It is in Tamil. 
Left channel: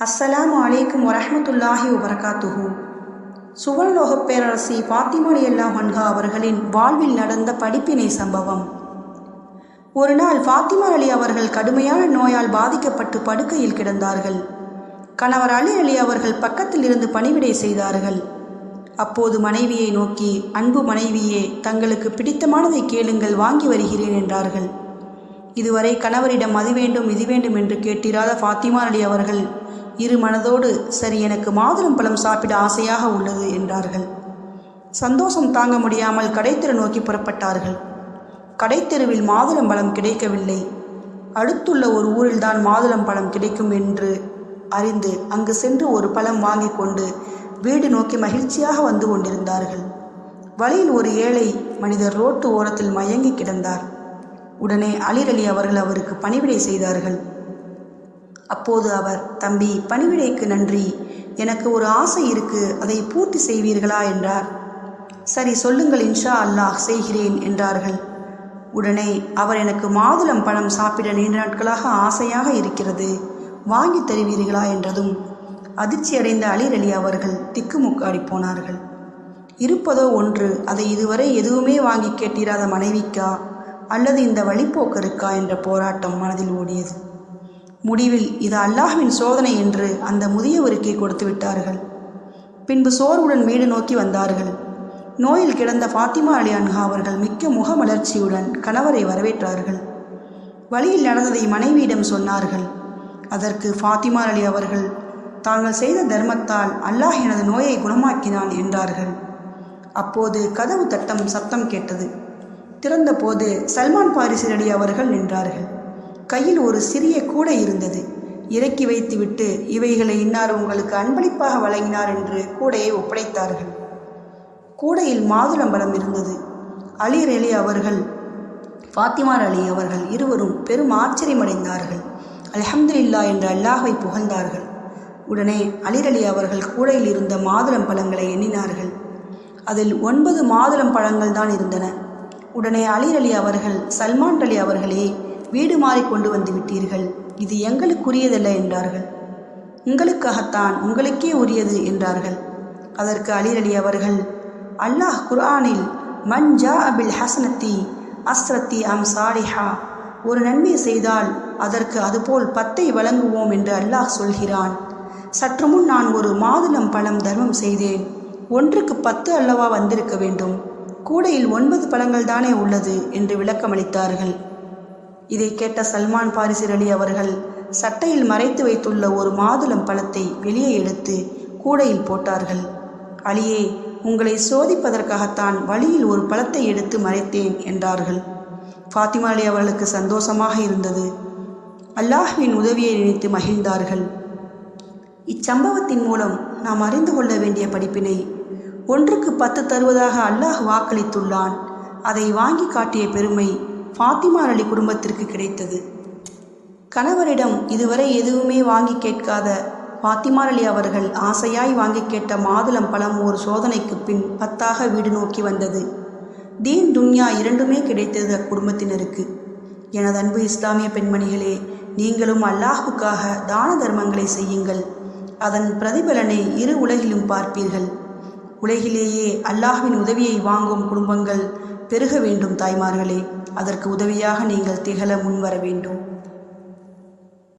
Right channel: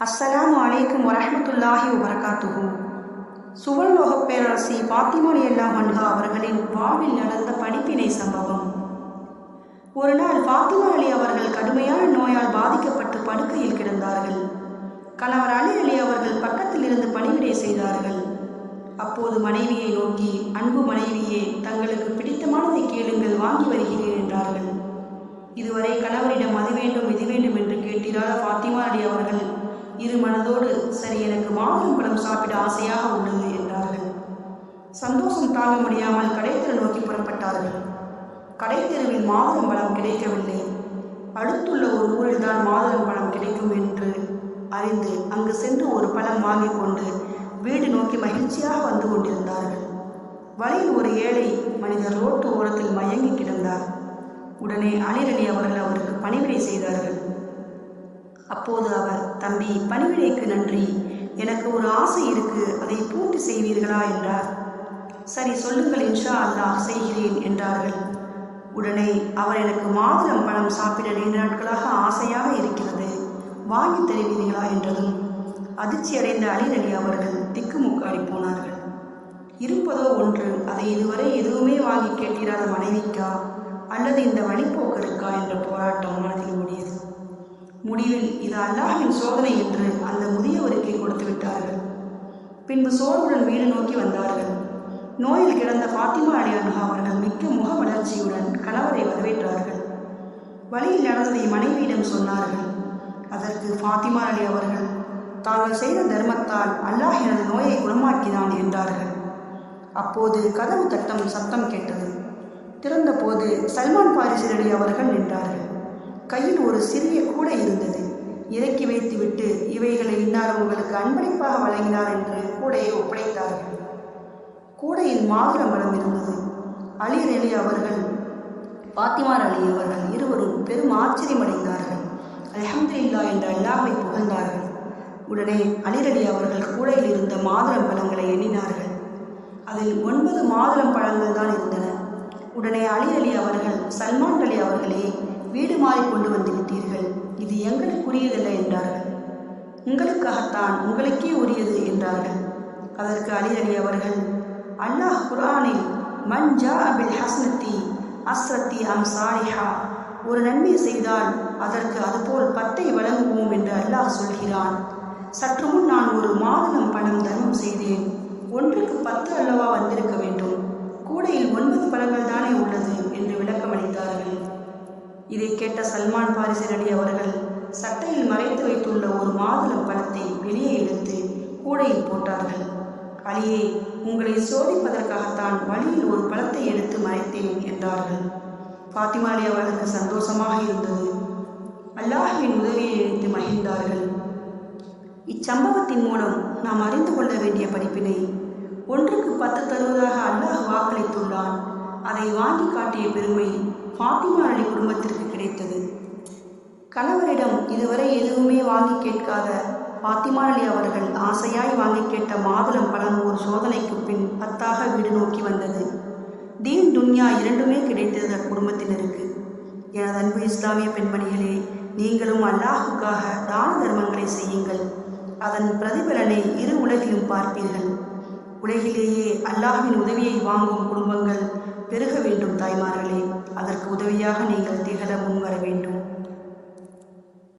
அஸ்ஸலாமு அலைக்கும் வரஹமத்துல்லாஹி வபரகாத்துஹு. சுவர்லோகப் பேரரசி பாத்திமா அல்லா ஹன்ஹா அவர்களின் வாழ்வில் நடந்த படிப்பினை சம்பவம். ஒரு நாள் ஃபாத்திமா அலி அவர்கள் கடுமையான நோயால் பாதிக்கப்பட்டு படுக்கையில் கிடந்தார்கள். கணவர் அலி அலி அவர்கள் பக்கத்தில் இருந்து பணிவிடை செய்தார்கள். அப்போது மனைவியை நோக்கி அன்பு மனைவியே தங்களுக்கு பிடித்தமானதை கேளுங்கள் வாங்கி வருகிறேன் என்றார்கள். இதுவரை கணவரிடம் அது வேண்டும் இது வேண்டும் என்று கேட்டிராத ஃபாத்திமா அலி அவர்கள் இரு மனதோடு சரி எனக்கு மாதுளம் பழம் சாப்பிட ஆசையாக உள்ளது என்றார்கள். சந்தோஷம் தாங்க முடியாமல் கடைத்தெரு நோக்கி புறப்பட்டார்கள். கடைத்தெருவில் மாதுளம் பழம் கிடைக்கவில்லை. அடுத்துள்ள ஒரு ஊரில்தான் மாதுளம் பழம் கிடைக்கும் என்று அறிந்து அங்கு சென்று ஒரு பழம் வாங்கி கொண்டு வீடு நோக்கி மகிழ்ச்சியாக வந்து கொண்டிருந்தார்கள். வழியில் ஒரு ஏழை மனிதர் ரோட்டு ஓரத்தில் மயங்கி கிடந்தார். உடனே அலிரலி அவர்கள் அவருக்கு பணிவிடை செய்தார்கள். அப்போது அவர் தம்பி பணிவிடைக்கு நன்றி. எனக்கு ஒரு ஆசை இருக்கு. அதை பூர்த்தி செய்வீர்களா? என்றார். சரி சொல்லுங்கள் இன்ஷா அல்லாஹ் செய்கிறேன் என்றார்கள். உடனே அவர் எனக்கு மாதுளம் பழம் சாப்பிட நீண்ட நாட்களாக ஆசையாக இருக்கிறது. வாங்கி தருவீர்களா? என்றதும் அதிர்ச்சியடைந்த அடைந்த அலி அவர்கள் திக்குமுக்காடி போனார்கள். இருப்பதோ ஒன்று அதை இதுவரை எதுவுமே வாங்கி கேட்டிராத மனைவிக்கா? அல்லது இந்த வழிப்போக்கருக்கா என்ற போராட்டம் மனதில் ஓடியது. முடிவில் இது அல்லாஹ்வின் சோதனை என்று அந்த முதியவருக்கே கொடுத்து விட்டார்கள். பின்பு சோர்வுடன் வீடு நோக்கி வந்தார்கள். நோயில் கிடந்த ஃபாத்திமா அலி அன்ஹா அவர்கள் மிக்க முகமலர்ச்சியுடன் கணவரை வரவேற்றார்கள். வழியில் நடந்ததை மனைவியிடம் சொன்னார்கள். அதற்கு ஃபாத்திமா அலி அவர்கள் தாங்கள் செய்த தர்மத்தால் அல்லாஹ் எனது நோயை குணமாக்கினான் என்றார்கள். அப்போது கதவு தட்டம் சத்தம் கேட்டது. திறந்தபோது சல்மான் பாரிசி அலி அவர்கள் நின்றார்கள். கையில் ஒரு சிறிய கூடை இருந்தது. இறக்கி வைத்துவிட்டு இவைகளை இன்னார் உங்களுக்கு அன்பளிப்பாக வழங்கினார் என்று கூடையை ஒப்படைத்தார்கள். கூடையில் மாதுளம்பழம் இருந்தது அலீர் அலி அவர்கள் ஃபாத்திமார் அலி அவர்கள் இருவரும் பெரும் ஆச்சரியமடைந்தார்கள். அல்ஹம்துலில்லா என்று அல்லாஹை புகழ்ந்தார்கள். உடனே அலிர் அலி அவர்கள் கூடையில் இருந்த மாதுளம் பழங்களை எண்ணினார்கள். அதில் ஒன்பது மாதுளம் பழங்கள் தான் இருந்தன. உடனே அலிர் அலி அவர்கள் சல்மான் அலி அவர்களே வீடு மாறி கொண்டு வந்து விட்டீர்கள். இது எங்களுக்குரியதல்ல என்றார்கள். உங்களுக்காகத்தான் உங்களுக்கே உரியது என்றார்கள். அதற்கு அலிரலி அவர்கள் அல்லாஹ் குர்ஆனில் மன் ஜா அபில் ஹசனத்தி அஸ்ரத்தி அம் சாலிஹா. ஒரு நன்மை செய்தால் அதற்கு அதுபோல் பத்தை வழங்குவோம் என்று அல்லாஹ் சொல்கிறான். சற்று முன் நான் ஒரு மாதுளம் பழம் தர்மம் செய்தேன். ஒன்றுக்கு பத்து அல்லவா வந்திருக்க வேண்டும். கூடையில் ஒன்பது பழங்கள் தானே உள்ளது என்று விளக்கமளித்தார்கள். இதை கேட்ட சல்மான் பாரிசிர் அலி அவர்கள் சட்டையில் மறைத்து வைத்துள்ள ஒரு மாதுளம் பழத்தை வெளியே எடுத்து கூடையில் போட்டார்கள். அலியே உங்களை சோதிப்பதற்காகத்தான் வழியில் ஒரு பழத்தை எடுத்து மறைத்தேன் என்றார்கள். ஃபாத்திமா அலி அவர்களுக்கு சந்தோஷமாக இருந்தது. அல்லாஹ்வின் உதவியை நினைத்து மகிழ்ந்தார்கள். இச்சம்பவத்தின் மூலம் நாம் அறிந்து கொள்ள வேண்டிய படிப்பினை ஒன்றுக்கு பத்து தருவதாக அல்லாஹ் வாக்களித்துள்ளான். அதை வாங்கி காட்டிய பெருமை ஃபாத்திமா அலி குடும்பத்திற்கு கிடைத்தது. கணவரிடம் இதுவரை எதுவுமே வாங்கி கேட்காத ஃபாத்திமா அலி அவர்கள் ஆசையாய் வாங்கி கேட்ட மாதுளம் பழம் ஒரு சோதனைக்கு பின் பத்தாக வீடு நோக்கி வந்தது. தீன் துன்யா இரண்டுமே கிடைத்தது அக்குடும்பத்தினருக்கு எனது அன்பு இஸ்லாமிய பெண்மணிகளே நீங்களும் அல்லாஹுக்காக தான தர்மங்களை செய்யுங்கள். அதன் பிரதிபலனை இரு உலகிலும் பார்ப்பீர்கள். உலகிலேயே அல்லாஹின் உதவியை வாங்கும் குடும்பங்கள் பெருக வேண்டும் தாய்மார்களே. அதற்கு உதவியாக நீங்கள் திகழ முன்வர வேண்டும்.